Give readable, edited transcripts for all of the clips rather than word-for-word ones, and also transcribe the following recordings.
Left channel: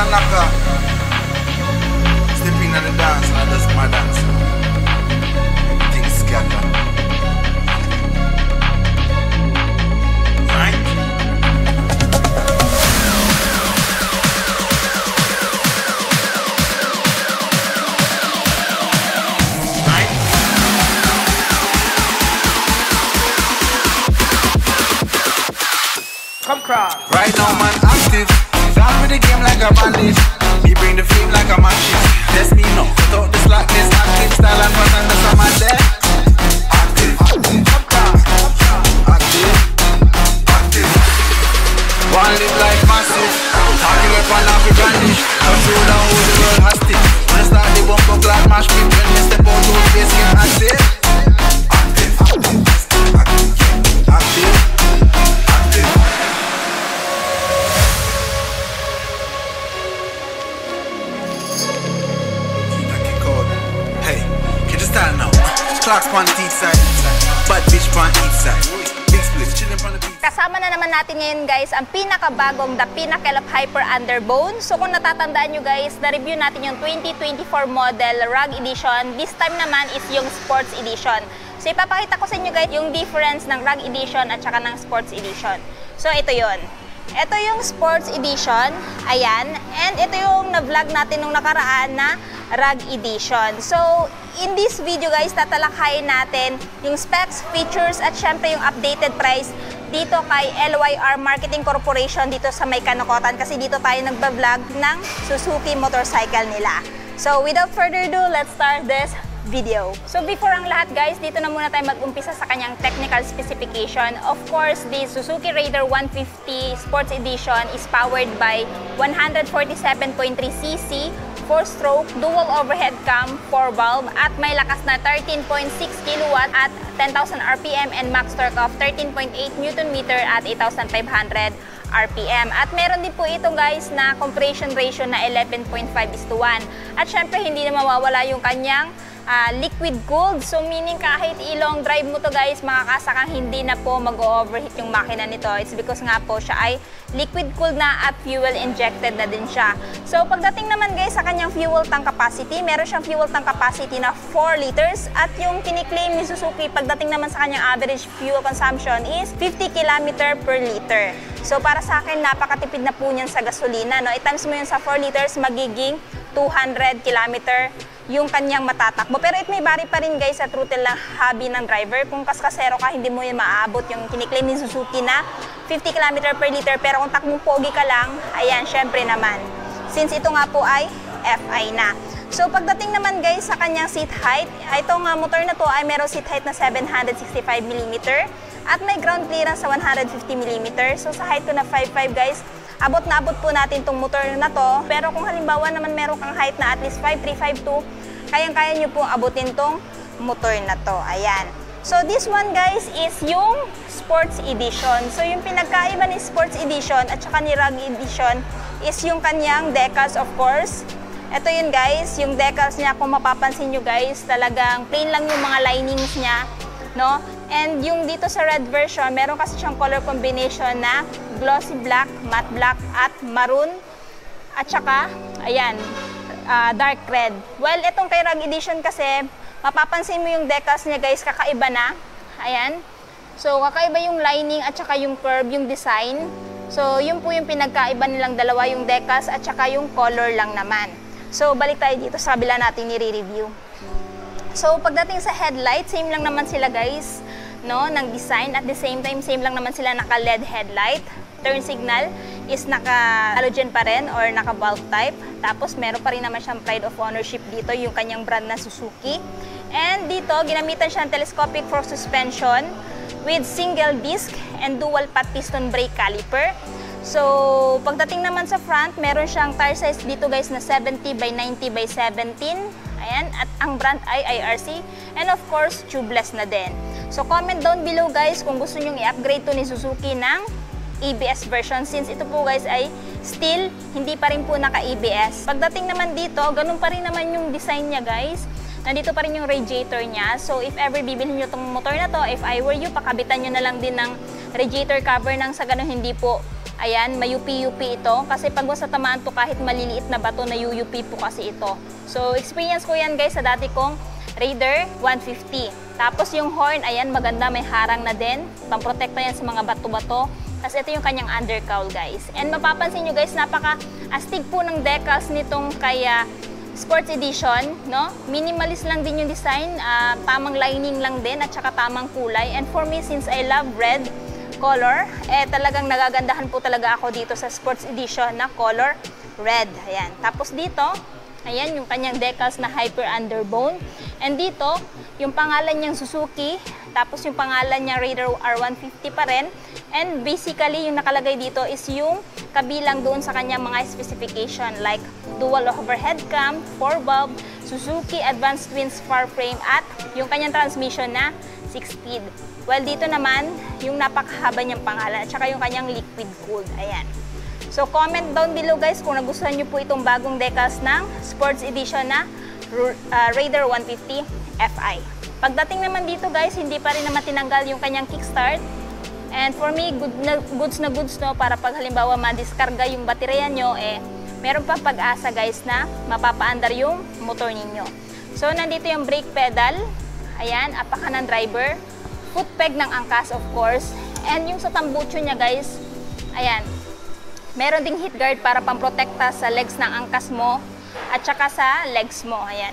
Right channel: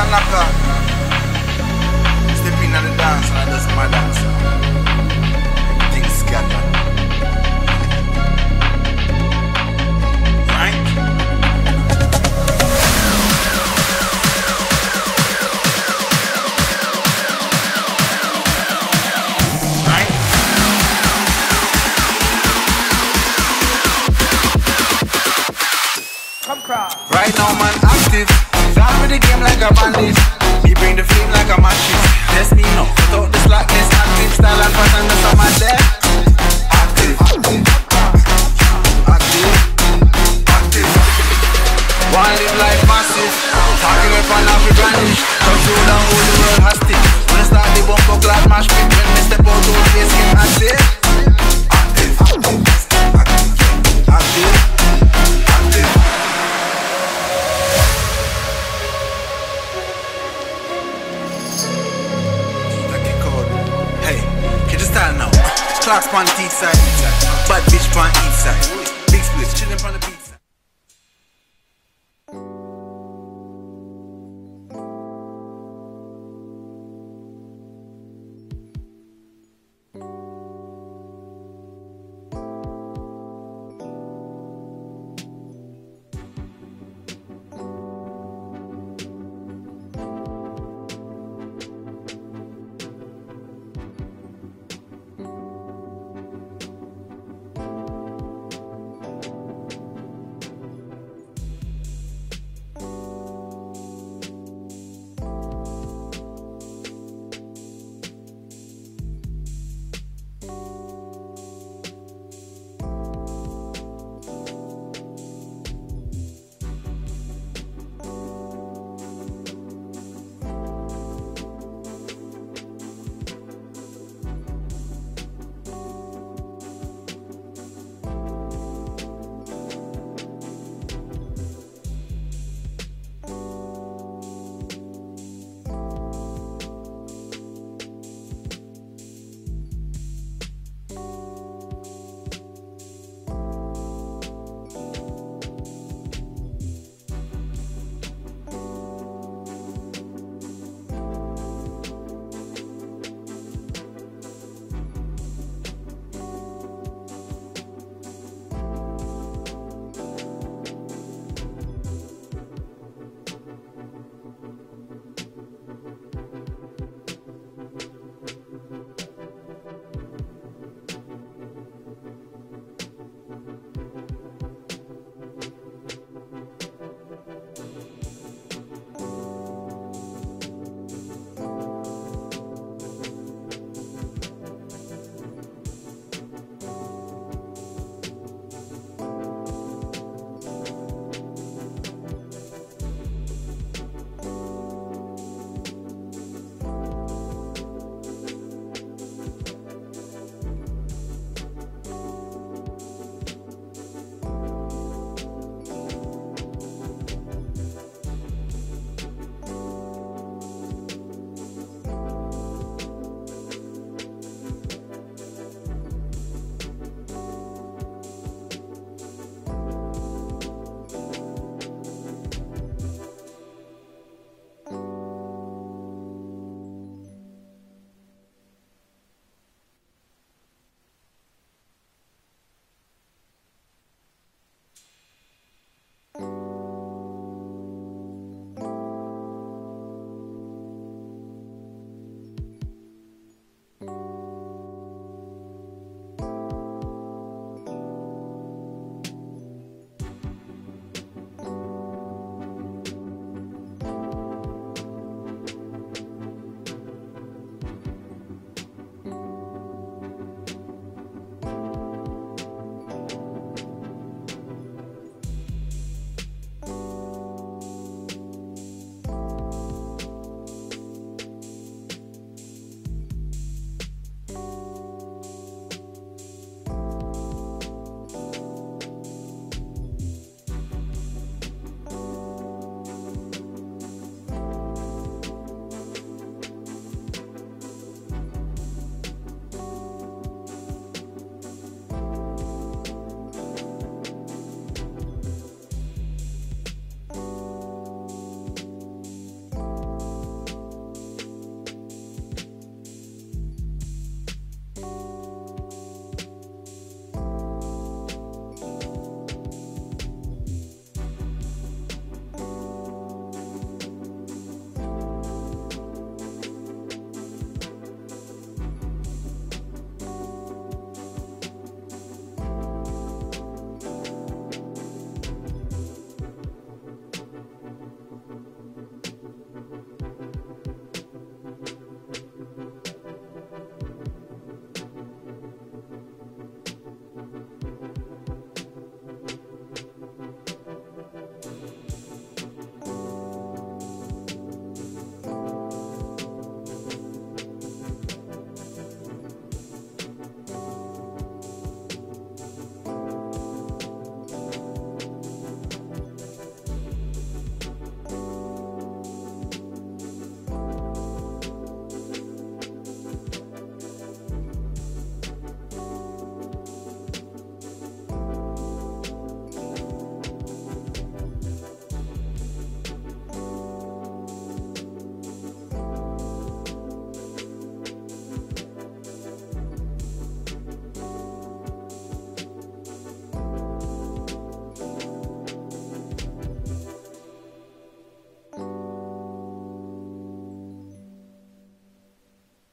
and knocker. Step in on the dance and I just my dance. Everything scatter. Right? Right? Come cross. Right now man active. Down with the game like a bandit. Me bring the flame like a matches. Test me now. Cut out the slackness. Active style and pattern that's on my deck. Active. Active. Active. One live life massive. Talking up and off the brandish. Touch road and hold the world hostage. When I start the bumper clad mash pit. When me step out old face get active. Active. Active. Active. Active. Hey, get your style now. Clocks on the east side. Bad bitch on east side. Big split, chillin' on the beat. Kasama na naman natin ngayon guys ang pinakabagong The Pinnacle of Hyper Underbone. So kung natatandaan nyo guys, na-review natin yung 2024 model RAG Edition. This time naman is yung Sports Edition. So ipapakita ko sa inyo guys yung difference ng RAG Edition at saka ng Sports Edition. So ito yon. Ito yung Sports Edition, ayan. And ito yung na-vlog natin nung nakaraan na RAG Edition. So, in this video guys, tatalakayin natin yung specs, features, at syempre yung updated price dito kay LYR Marketing Corporation dito sa May Kanokotan kasi dito tayo nagba-vlog ng Suzuki motorcycle nila. So, without further ado, let's start this video. So before ang lahat guys, dito na muna tayo mag-umpisa sa kanyang technical specification. Of course, the Suzuki Raider 150 Sports Edition is powered by 147.3cc, 4-stroke, dual overhead cam, 4-valve, at may lakas na 13.6 kW at 10,000 RPM and max torque of 13.8 Nm at 8,500 RPM. At meron din po ito guys na compression ratio na 11.5:1. At syempre hindi na mawawala yung kanyang liquid cooled. So meaning kahit ilong drive mo to guys, makakasakang hindi na po mag-overheat yung makina nito. It's because nga po siya ay liquid cooled na at fuel injected na din siya. So pagdating naman guys sa kanyang fuel tank capacity, meron siyang fuel tank capacity na 4 liters at yung kiniklaim ni Suzuki pagdating naman sa kanyang average fuel consumption is 50 km per liter. So para sa akin, napakatipid na po niyan sa gasolina. No? I-times mo yun sa 4 liters, magiging 200 km yung kanyang matatakbo. Pero it may vary pa rin guys sa throttle ng hobby ng driver. Kung kaskasero ka, hindi mo yun maaabot yung kiniklaim ni Suzuki na 50 km per liter. Pero kung takbong pogi ka lang, ayan, syempre naman. Since ito nga po ay FI na. So pagdating naman guys sa kanyang seat height, itong motor na to ay meron seat height na 765mm at may ground clearance sa 150mm. So sa height ko na 5'5" guys, abot na abot po natin itong motor na to. Pero kung halimbawa naman meron kang height na at least 5'3", 5'2", kayang-kaya nyo pong abutin itong motor na to. Ayan. So this one guys is yung Sports Edition. So yung pinagkaiba ni Sports Edition at saka ni RAG Edition is yung kanyang decals of course. Ito yun guys, yung decals niya kung mapapansin nyo guys, talagang plain lang yung mga linings niya. No? And yung dito sa red version, meron kasi siyang color combination na glossy black, matte black, at maroon. At saka, ayan, dark red. Well, itong kay RAG Edition kasi, mapapansin mo yung decals niya guys, kakaiba na. Ayan. So, kakaiba yung lining at saka yung curve, yung design. So, yun po yung pinagkaiba nilang dalawa, yung decals at saka yung color lang naman. So, balik tayo dito sa kabila natin ni-review. So, pagdating sa headlight, same lang naman sila guys, no, ng design. At the same time, same lang naman sila naka-LED headlight. Turn signal is naka-halogen pa rin or naka-bulb type. Tapos, meron pa rin naman siyang pride of ownership dito, yung kanyang brand na Suzuki. And dito, ginamitan siya ng telescopic fork suspension with single disc and dual pat piston brake caliper. So, pagdating naman sa front, meron siyang tire size dito guys na 70/90/17. Ayan, at ang brand ay IRC and of course, tubeless na din. So, comment down below guys kung gusto nyong i-upgrade to ni Suzuki ng ABS version since ito po guys ay still hindi pa rin po naka-ABS. Pagdating naman dito, ganun pa rin naman yung design niya guys. Nandito pa rin yung radiator niya. So, if ever bibilhin nyo itong motor na to, if I were you, pakabitan nyo na lang din ng radiator cover nang sa ganun hindi po Ayan, may UP-UP ito. Kasi pag sa tamaan to kahit maliliit na bato, na UP po kasi ito. So, experience ko yan guys sa dati kong Raider 150. Tapos yung horn, ayan, maganda, may harang na din. Pamprotekta yan sa mga bato-bato. Tapos ito yung kanyang undercowl guys. And mapapansin nyo guys, napaka-astig po ng decals nitong kaya Sports Edition, no? Minimalist lang din yung design, tamang lining lang din at saka tamang kulay. And for me, since I love red color, talagang nagagandahan po talaga ako dito sa Sports Edition na color red. Ayan. Tapos dito, ayan yung kanyang decals na Hyper Underbone. And dito, yung pangalan niyang Suzuki, tapos yung pangalan niya Raider R150 pa rin. And basically, yung nakalagay dito is yung kabilang doon sa kanyang mga specification like dual overhead cam, 4-valve, Suzuki Advanced Twin Spar Frame at yung kanyang transmission na 6-speed. Well, dito naman, yung napakahaba niyang pangalan at saka yung kanyang liquid cooled. Ayan. So, comment down below guys kung nagustuhan niyo po itong bagong decals ng Sports Edition na Raider 150 Fi. Pagdating naman dito guys, hindi pa rin naman tinanggal yung kanyang kickstart. And for me, goods na goods no, para pag halimbawa madiskarga yung baterya nyo, meron pa pag-asa guys na mapapaandar yung motor ninyo. So, nandito yung brake pedal. Ayan, apakan ng driver. Foot peg ng angkas of course. And yung sa tambucho niya guys, ayan, meron ding heat guard para pamprotekta sa legs ng angkas mo at saka sa legs mo. Ayan.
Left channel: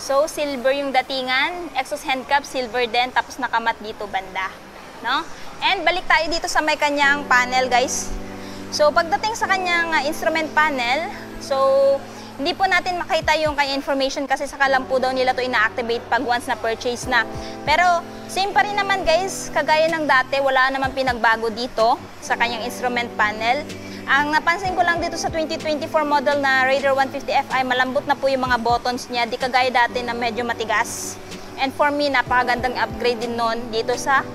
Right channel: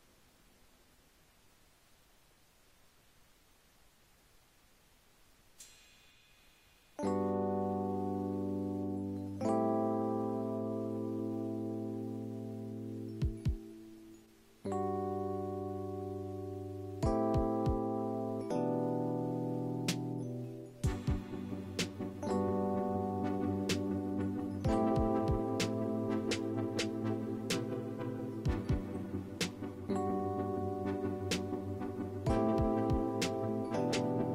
So, silver yung datingan, exhaust hand cap, silver din, tapos nakamat dito banda. No? And balik tayo dito sa may kanyang panel guys. So, pagdating sa kanyang instrument panel, so, hindi po natin makita yung kanya information kasi saka lang po daw nila to ina-activate pag once na purchase na. Pero, same pa rin naman guys, kagaya ng dati, wala naman pinagbago dito sa kanyang instrument panel. Ang napansin ko lang dito sa 2024 model na Raider 150 Fi, malambot na po yung mga buttons niya, di kagaya dati na medyo matigas. And for me, napakagandang upgrade din nun dito sa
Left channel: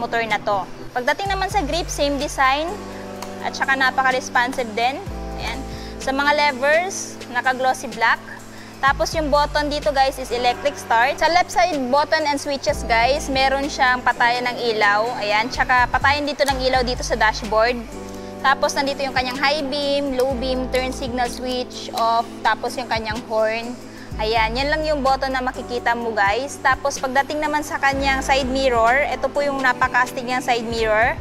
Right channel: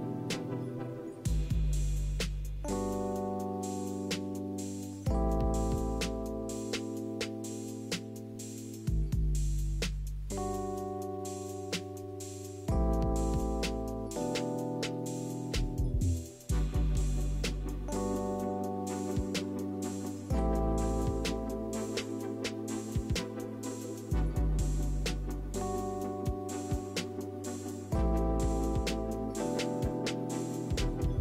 motor na to. Pagdating naman sa grip, same design at saka napaka-responsive din. Ayan. Sa mga levers, naka-glossy black. Tapos yung button dito guys is electric start. Sa left side button and switches guys, meron siyang patayan ng ilaw. Ayan, tsaka patayan dito ng ilaw dito sa dashboard. Tapos nandito yung kanyang high beam, low beam, turn signal switch, off. Tapos yung kanyang horn. Ayan, yan lang yung button na makikita mo guys. Tapos pagdating naman sa kanyang side mirror, ito po yung napaka-astig niyang side mirror.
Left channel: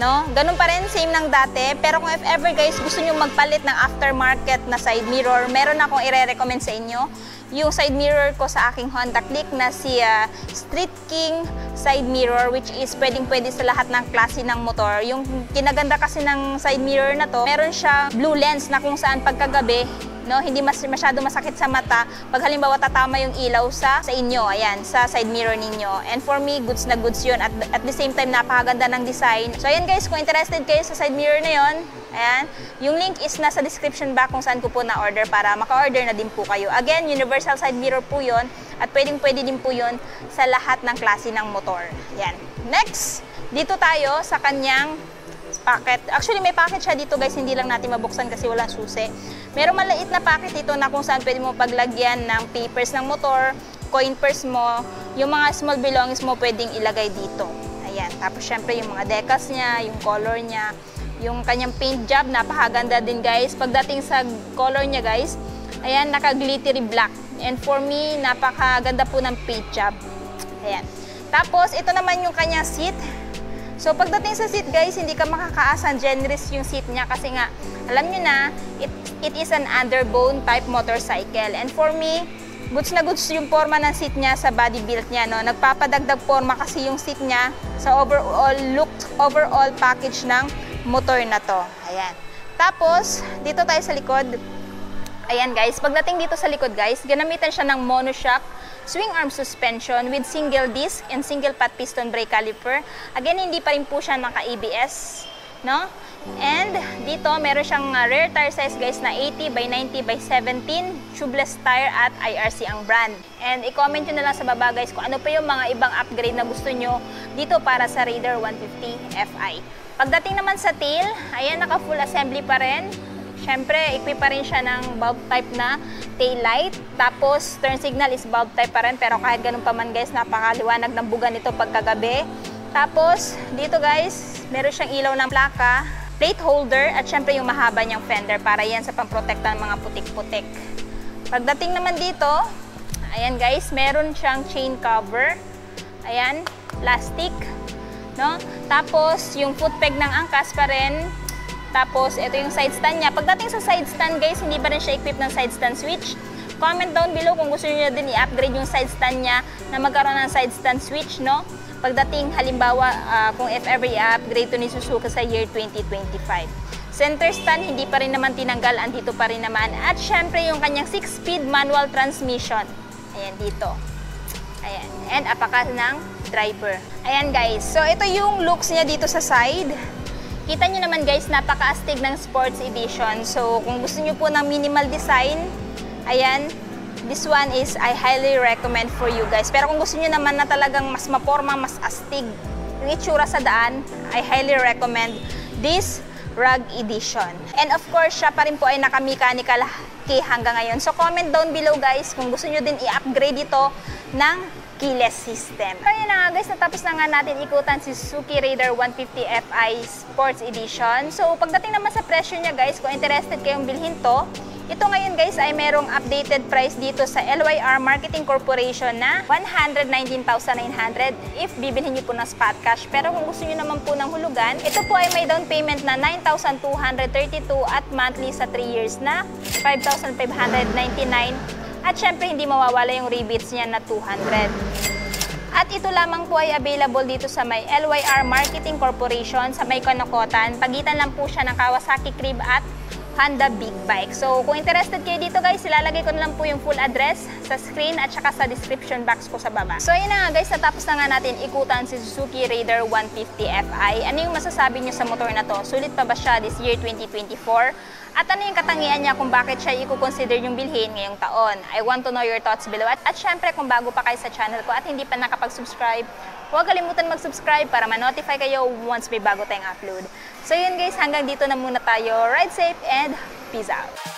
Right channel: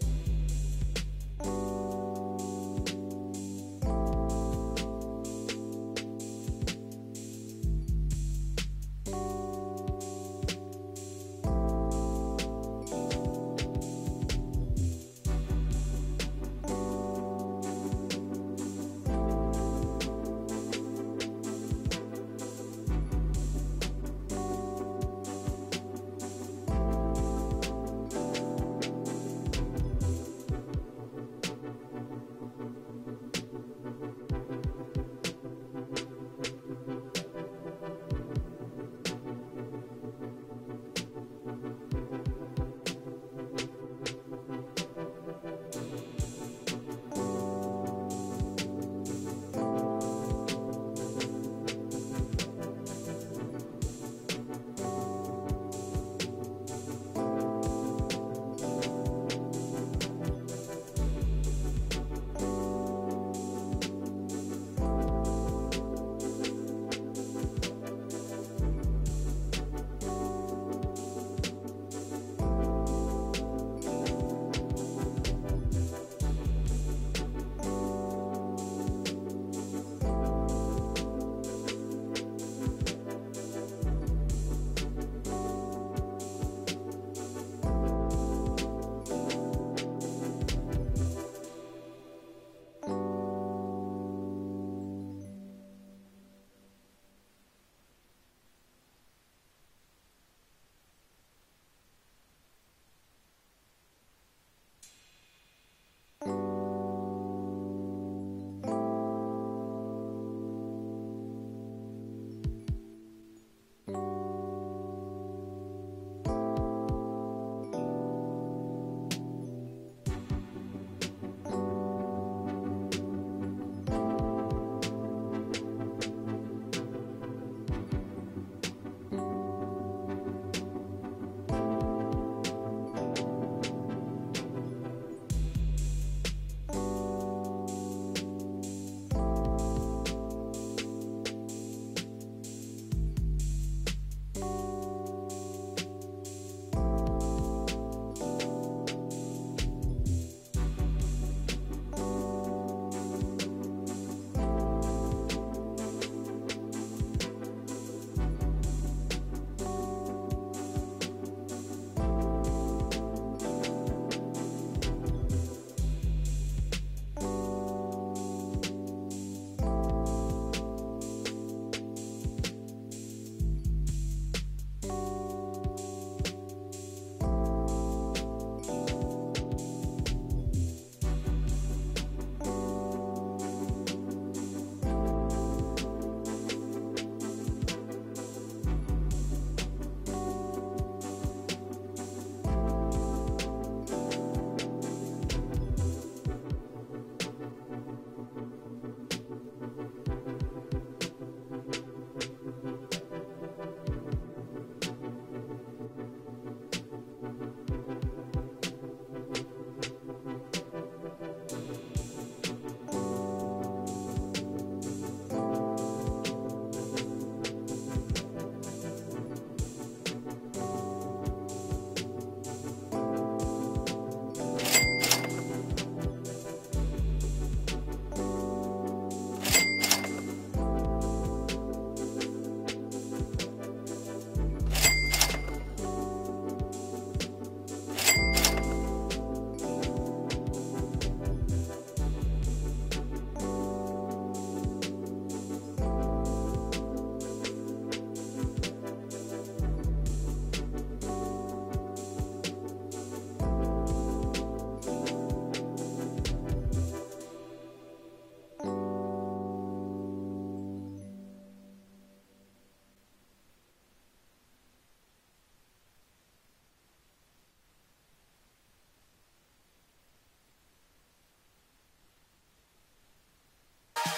No? Ganun pa rin, same ng dati. Pero kung if ever guys, gusto nyo magpalit ng aftermarket na side mirror, meron akong i-recommend sa inyo. Yung side mirror ko sa aking Honda Click na si Street King side mirror, which is pwedeng-pwede sa lahat ng klase ng motor. Yung kinaganda kasi ng side mirror na to, meron siya blue lens na kung saan pagkagabi, no, hindi masyado masakit sa mata pag halimbawa tatama yung ilaw sa inyo, ayan, sa side mirror ninyo. And for me, goods na goods yun. At the same time, napakaganda ng design. So ayan guys, kung interested kayo sa side mirror na yun, ayan, yung link is nasa description box kung saan ko po na-order para maka-order na din po kayo. Again, universal side mirror po yun at pwedeng-pwede din po yun sa lahat ng klase ng motor. Ayan. Next, dito tayo sa kanyang packet. Actually, may packet siya dito guys, hindi lang natin mabuksan kasi walang susi. Merong maliit na packet dito na kung saan pwede mo paglagyan ng papers ng motor, coin purse mo, yung mga small belongings mo pwedeng ilagay dito. Ayan. Tapos syempre yung mga decals niya, yung color niya, yung kanyang paint job, napakaganda din guys. Pagdating sa color niya guys, ayan, naka-glittery black. And for me, napakaganda po ng paint job. Ayan. Tapos, ito naman yung kanyang seat. So, pagdating sa seat guys, hindi ka makakaasa, generous yung seat niya kasi nga, alam nyo na, it is an underbone type motorcycle. And for me, goods na goods yung forma ng seat niya sa body build niya. No? Nagpapadagdag forma kasi yung seat niya sa overall look, overall package ng motor na to. Ayan. Tapos, dito tayo sa likod. Ayan guys, pagdating dito sa likod guys, ginamitan siya ng monoshock swing arm suspension with single disc and single pot piston brake caliper. Again, hindi pa rin po siya naka-ABS, no? And dito, meron siyang rear tire size guys na 80 by 90 by 17, tubeless tire at IRC ang brand. And i-comment nyo na lang sa baba guys kung ano pa yung mga ibang upgrade na gusto nyo dito para sa Raider 150 Fi. Pagdating naman sa tail, ayan, naka full assembly pa rin. Siyempre, equip pa rin siya ng bulb type na tail light. Tapos, turn signal is bulb type pa rin. Pero kahit ganun pa man guys, napakaliwanag ng buga nito pagkagabi. Tapos, dito guys, meron siyang ilaw ng plaka. plate holder, at syempre yung mahaba niyang fender para yan sa pamprotekta ng mga putik-putik. Pagdating naman dito, ayan guys, meron siyang chain cover. Ayan, plastic. No? Tapos, yung foot peg ng angkas pa rin. Tapos, ito yung side stand niya. Pagdating sa side stand guys, hindi pa rin siya equipped ng side stand switch. Comment down below kung gusto niyo din i-upgrade yung side stand niya na magkaroon ng side stand switch, no? Pagdating, halimbawa, kung if ever i-upgrade to ni Suzuki sa year 2025. Center stand, hindi pa rin naman tinanggal, andito pa rin naman. At syempre, yung kanyang 6-speed manual transmission. Ayan, dito. Ayan. And apakas ng driver. Ayan guys, so ito yung looks niya dito sa side. Kita nyo naman guys, napaka-astig ng Sports Edition. So, kung gusto nyo po ng minimal design, ayan, this one is I highly recommend for you guys. Pero kung gusto nyo naman na talagang mas maporma, mas astig yung itsura sa daan, I highly recommend this Rug Edition. And of course, siya pa rin po ay naka-mechanical key hanggang ngayon. So, comment down below guys kung gusto nyo din i-upgrade ito ng keyless system. Kaya na nga guys, natapos na nga natin ikutan si Suzuki Raider 150 Fi Sports Edition. So pagdating naman sa presyo niya guys, kung interested kayong bilhin to, ito ngayon guys ay merong updated price dito sa LYR Marketing Corporation na 119,900 if bibilhin niyo po ng spot cash. Pero kung gusto niyo naman po ng hulugan, ito po ay may down payment na 9,232 at monthly sa 3 years na 5,599. At syempre, hindi mawawala yung rebates niya na 200. At ito lamang po ay available dito sa may LYR Marketing Corporation sa may Kanokotan. Pagitan lang po siya ng Kawasaki Crib at Honda Big Bike. So, kung interested kayo dito guys, ilalagay ko na lang po yung full address sa screen at saka sa description box ko sa baba. So, ayun na nga guys, natapos na nga natin ikutan si Suzuki Raider 150 Fi. Ano yung masasabi niyo sa motor na to? Sulit pa ba siya this year 2024? At ano yung katangian niya kung bakit siya i-consider yung bilhin ngayong taon? I want to know your thoughts below. At syempre, kung bago pa kayo sa channel ko at hindi pa nakapag-subscribe, huwag kalimutan mag-subscribe para ma-notify kayo once may bago tayong upload. So yun guys, hanggang dito na muna tayo. Ride safe and peace out!